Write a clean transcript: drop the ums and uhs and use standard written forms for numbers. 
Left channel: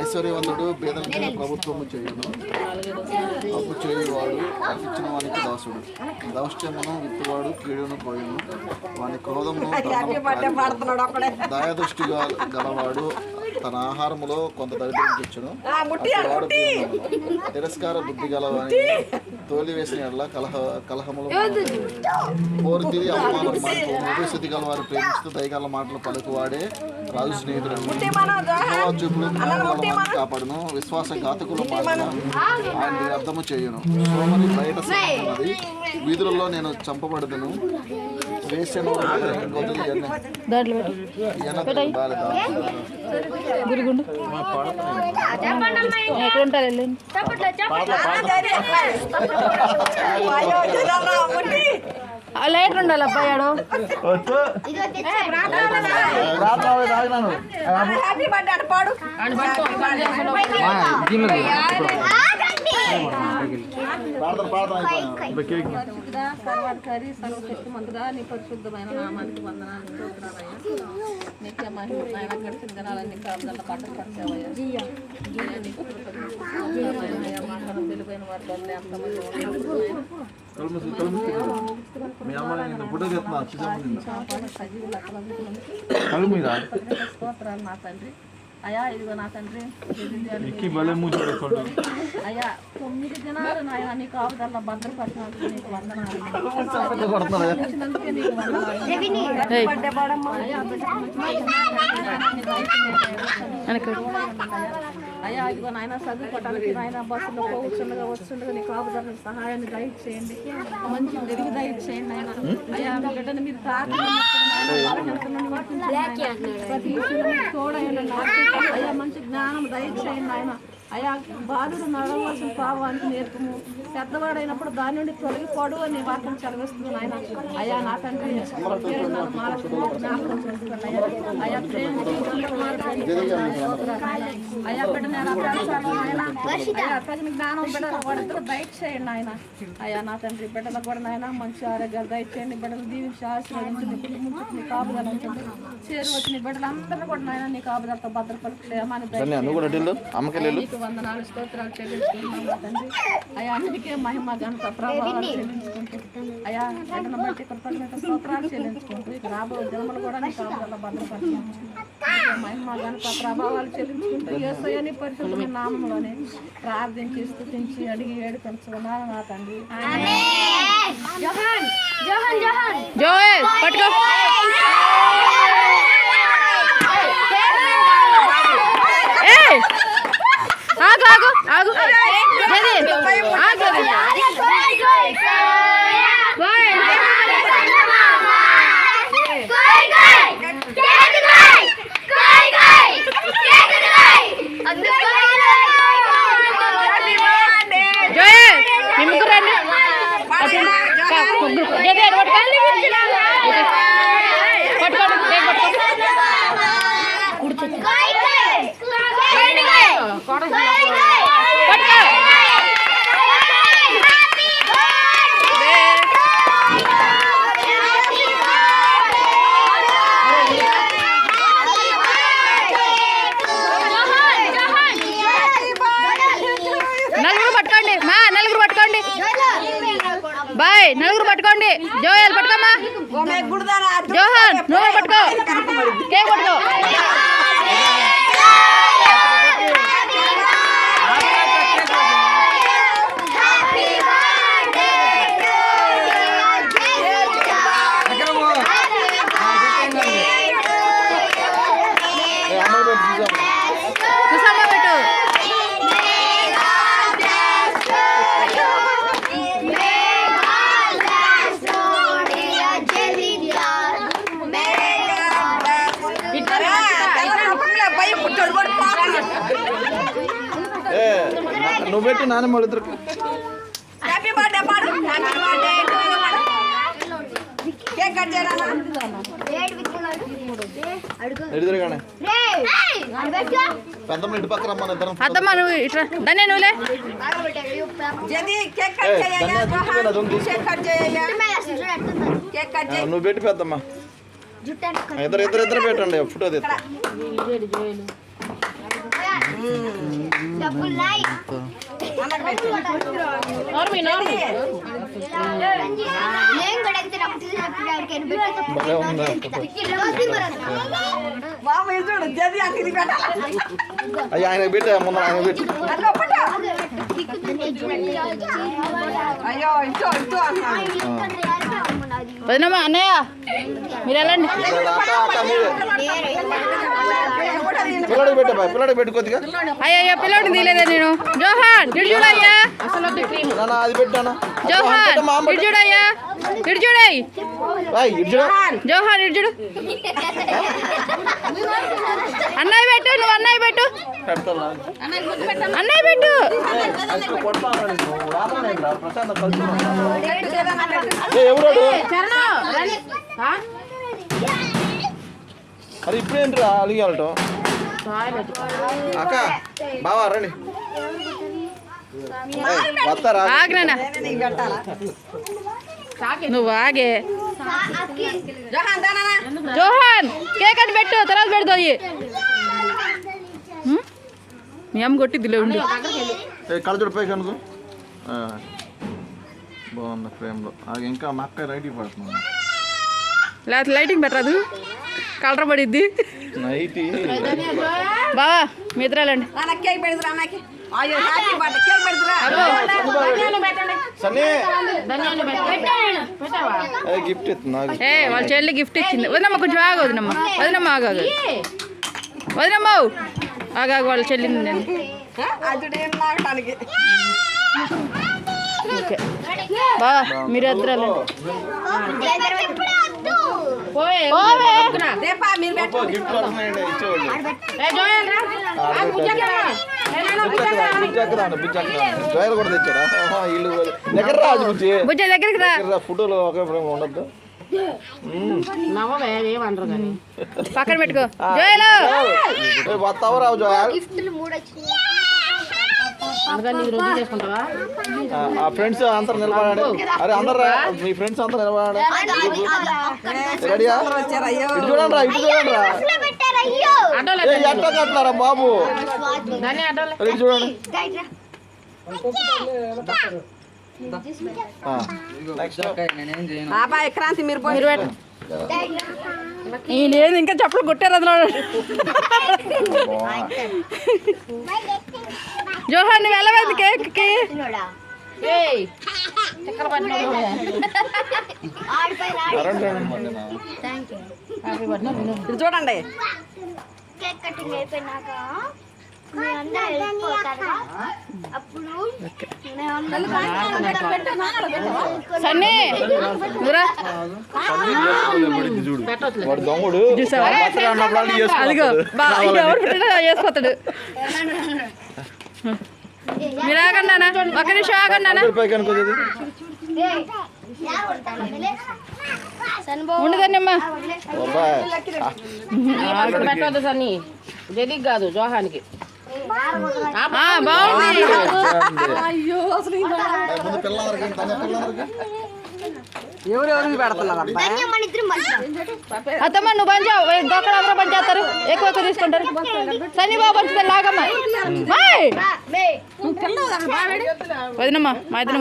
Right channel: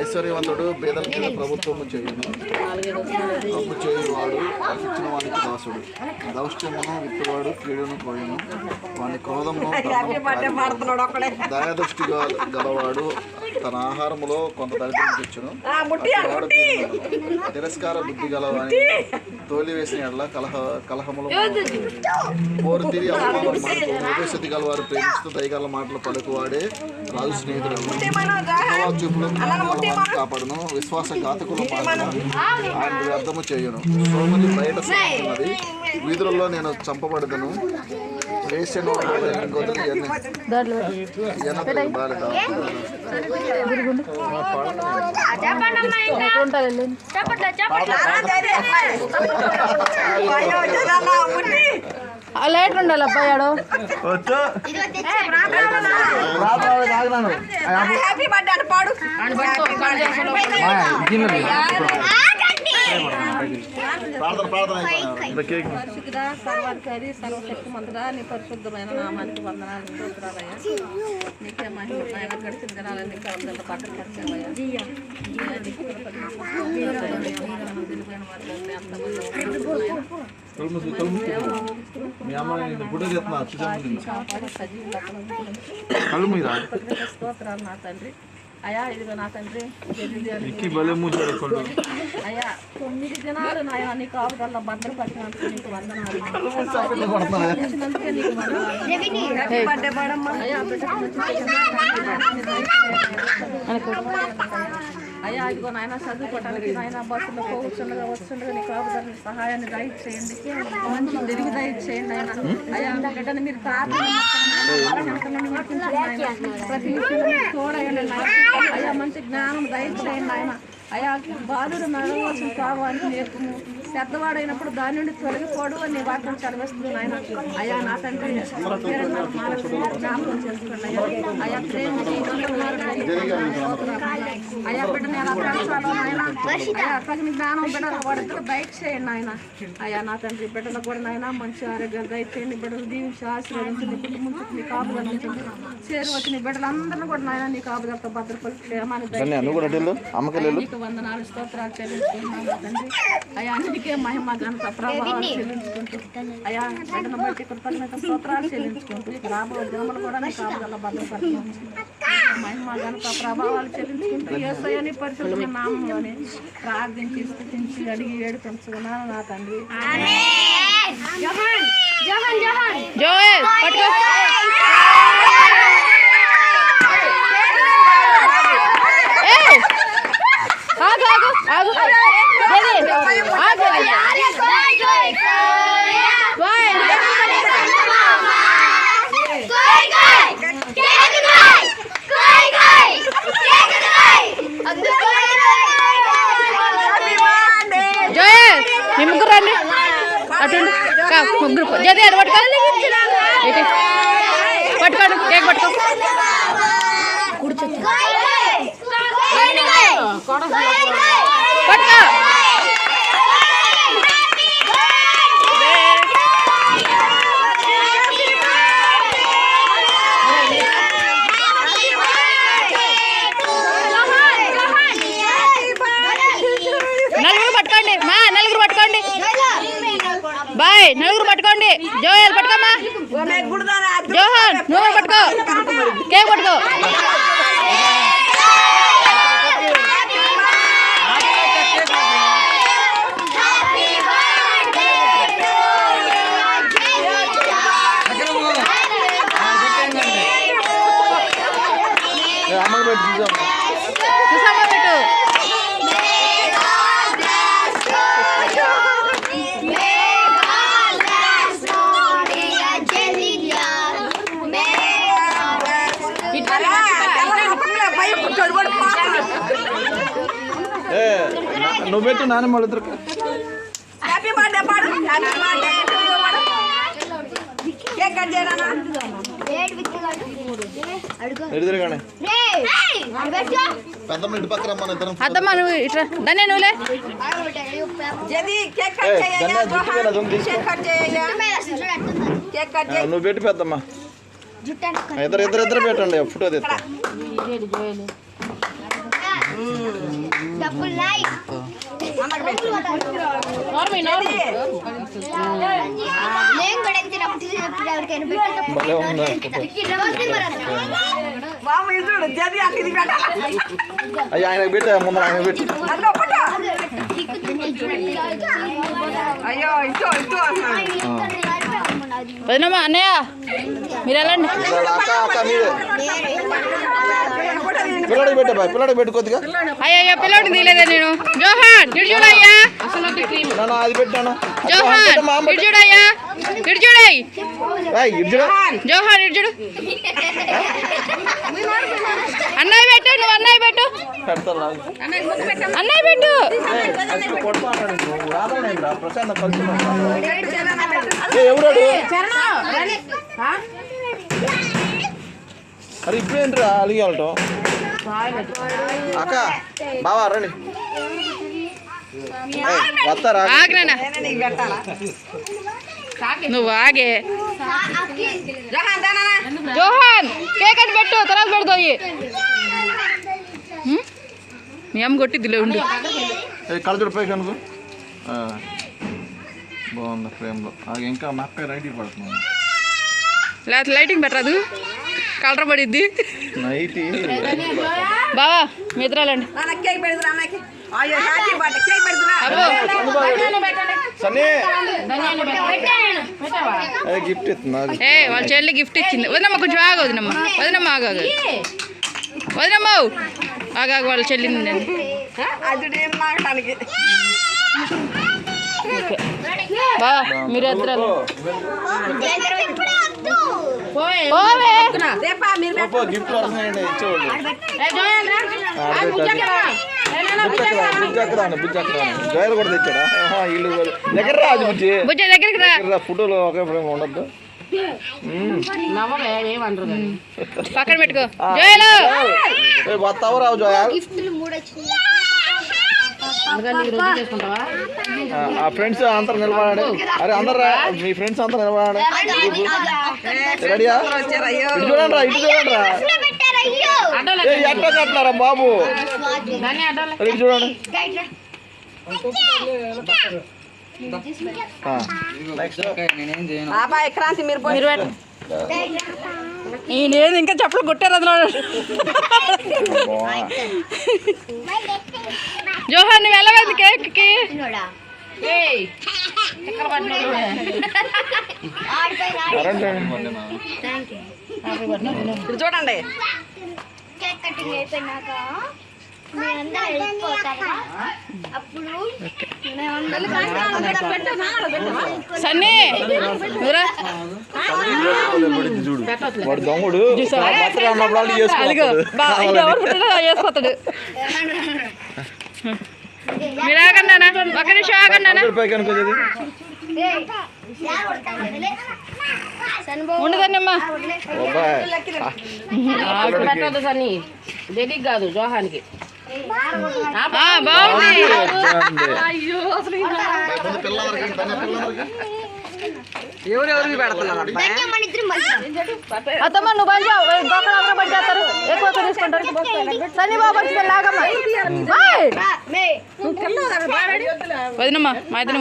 ఐశ్వర్యవంతుడు పేదలకు ప్రభుత్వము చేయును, అప్పు చేయువాడు ఇచ్చిన వానికి దాసుడు. దౌష్ట్యమును విత్తువాడు కీడును కోయును, వాని క్రోధమును దయాదృష్టి గలవాడు తన ఆహారములో కొంత దరిద్రం తెచ్చును. తిరస్కార బుద్ధి గలవాని తోలివేసిన ఎడల కలహములు పోరు తిరిగి ఉపస్థితి గల వారు ప్రేమిస్తూ దయగల మాటలు పలుకువాడే రాజు స్నేహితుడు. చూపులు కాపాడును, విశ్వాసఘాతకుల మాటలు ఆయన వ్యర్థము చేయును. సోమరి బయట ఉన్నది, వీధులలో నేను చంపబడదను. వేసను లైట్ ఉండాలి అబ్బాయాడు. సర్వాధికారి సర్వశక్తి మంతుడా నీ పరిశుద్ధమైన నామానికి వందనాలు స్తోత్రాలయ్యా. నీకే మహిమ నాయన. గడిచిన దినాలన్నీ కాపుదల బట్టలు పరిచావయ్యా. తెలివైన వారిని ఎంతమంది స్తోత్రాలు నా తండ్రి. అయ్యా ఇదిగో నా తండ్రి అయ్యా 9 దినాలు నాయన నీకు ఆవుదల్లో భద్రపరిచినందుకు నీకు వందనాలు. నీకు వందనాలు. అయ్యా ఇదిగో నాయన చదువుకోవటానికి నాయన బస్సులో పోవచ్చుండగా వస్తుండగా నీకు ఆవుదల సహాయాన్ని దయచేయండి, మంచి తిరిగి దయచేయండి ఆయన. అయ్యా బిడ్డను మీరు ప్రతి చూడండి అయ్యా, మంచి జ్ఞానం దయచేయండి ఆయన. అయ్యా బాధుడు నడవలసిన త్రావానికి నేర్పుము, పెద్దవాడైనప్పుడు దాని నుండి తొలగిపోడు అని వాక్యం చదివేస్తుంది ఆయన. అయ్యా నా తండ్రి జ్ఞాపకం చేసుకోండి అయ్యా. అయ్యా ప్రేమించి అయ్యా బిడ్డని ఎలా పెంచాలో ఆయన. తగిన జ్ఞానం బిడ్డలు వాడిద్దరూ దయచేయండి ఆయన. అయ్యా నా తండ్రి బిడ్డలకు కూడా నాయన మంచి ఆరోగ్యాలు దయచేయండి. బిడ్డలు దీవించి ఆశీర్వదించండి, కుటుంబంతో నీ కాపుదలు ఉంచండి. చేరు వచ్చిన బిడ్డలందరూ కూడా నాయన నీ కాపుదలతో భద్రపరిచి క్షేమాన్ని దయచేయండి. వందనాలు స్తోత్రాలు చెల్లించుకుంటున్నాను తండ్రి. అయ్యా అన్నిటికీ మహిమ ఘనత ప్రభావాలు చెల్లించుకుంటూ అయ్యా బిడ్డను బట్టి కృతజ్ఞత స్తోత్రాలు చెల్లించుకుంటూ ఇక రాబోయే జన్మలు కూడా నీ కాపుదల భద్రపరిచాము. మహిమ ఘనత ప్రభావాలు చెల్లించుకుంటూ యేసయ్యని పరిశుద్ధ నామంలోనే ప్రార్థించి స్తుతించి అడిగి ఏడుకొంచుకున్నాను నా తండ్రి. నలుగురు పట్టుకోండి మా, నలుగురు పట్టుకోండి. బాయ్ నలుగురు పట్టుకోండి. జోయల్ పట్టుకోమా. జోహన్ నువ్వు పట్టుకో, కేక్ పట్టుకో. చూసామా పెట్టు. నువ్వు పెట్టు నాన్న మళ్ళీ అద్దమ్మా నువ్వు ఇట్లా దాన్ని నువ్వులే. నువ్వు పెట్టి పెద్దమ్మా. ఇద్దరు పెట్టండి ఫోటో తీస్తా. భలే ఉంది అయ్యో ఆయనకు పెట్టా ముందు ఆయన పెట్టి వదినమ్మా అన్నయ్య మీరు వెళ్ళండి. పిల్లడికి పెట్టా పిల్లడికి పెట్టు కొద్దిగా. అయ్యో పిల్లోడిని తీయలేదా నేను. జోహాన్ ఇటు చూడయ్యా. అది పెట్టాను జోహాన్ ఇటు చూడయ్యా. ఇటు చూడయ్ జోహాన్ ఇటు చూడు. అన్నయ్య పెట్టు నువ్వు అన్నయ్య పెట్టు అన్నయ్య పెట్టు. అరే ఇప్పుడేంట్రా అలిగాలటో అక్క బావా రండి వస్తారా. ఆగ్నా నువ్వు ఆగే. జోహాన్ కేక్ అని పెట్టు తర్వాత పెడతాయి. మీ అమ్మ కొట్టిద్దిలే ఉండు. కళ్ళజోడు పైకి అనుకో బాగుంది ఫ్రేమ్లో. అది ఇంకా మా అక్క రైట్కి పడుతున్నాను. లేకపోతే లైటింగ్ పెట్టరాదు కలర్ పడిద్ది. నైట్ బావా మీ ఇద్దరాలండి. గిఫ్ట్ ఇస్తున్నా. వాళ్ళ చెల్లి గిఫ్ట్ ఇచ్చింది. వదినమ్మ కొంచెం ఆగు. వదినమ్మ ఆగాగు. వదినమ్మ ఆగాగు వాళ్ళ చెల్లింది. ఓకే బావా మీరు ఇద్దరాలు గిఫ్ట్ జోయల్ కూడా తెచ్చాడా ఇల్లు దగ్గర రాజు బుజ్జ దగ్గరికి రా. ఫోటోలు ఒకే ఫ్రేమ్ ఉండద్దు. పక్కన పెట్టుకో జోయలు. వస్తావా రావు జోయల్. ఫ్రెండ్స్ అందరు నిలబడాడు. అరే అందరు మీ ఫ్రెండ్స్ అంతా నిలబడాడు. రెడీయా ఇటు చూడండి రా ఇటు చూడండి రా. ఎట్లా కట్టినారా బాబు ఇటు చూడండి. నేను ఇంకా చెప్పులు కొట్టారు అందులో. జోహాన్ నువ్వు వెళ్ళలేదు కేక్కి. చూడండి సన్నీ నువ్వురా. వాడు దమ్ముడు అదిగో ఎవరు పుట్టినా వేసుకొస్తాడు. మీరు ఆగండి నాన్న ఒక్క నిమిషం ఆగండి నాన్న. ఉండదన్నమ్మా పెట్టదు సన్ని జడికి కాదు జోహానికి. బాగుంది. అత్తమ్మ నువ్వు పంచావు దొక్కలు అందరూ పంచేస్తారు ఎక్కువ తీసుకుంటారు. సన్నీ బాబు పంచుతారు లాగమ్మ. వదినమ్మా మా ఇద్దరు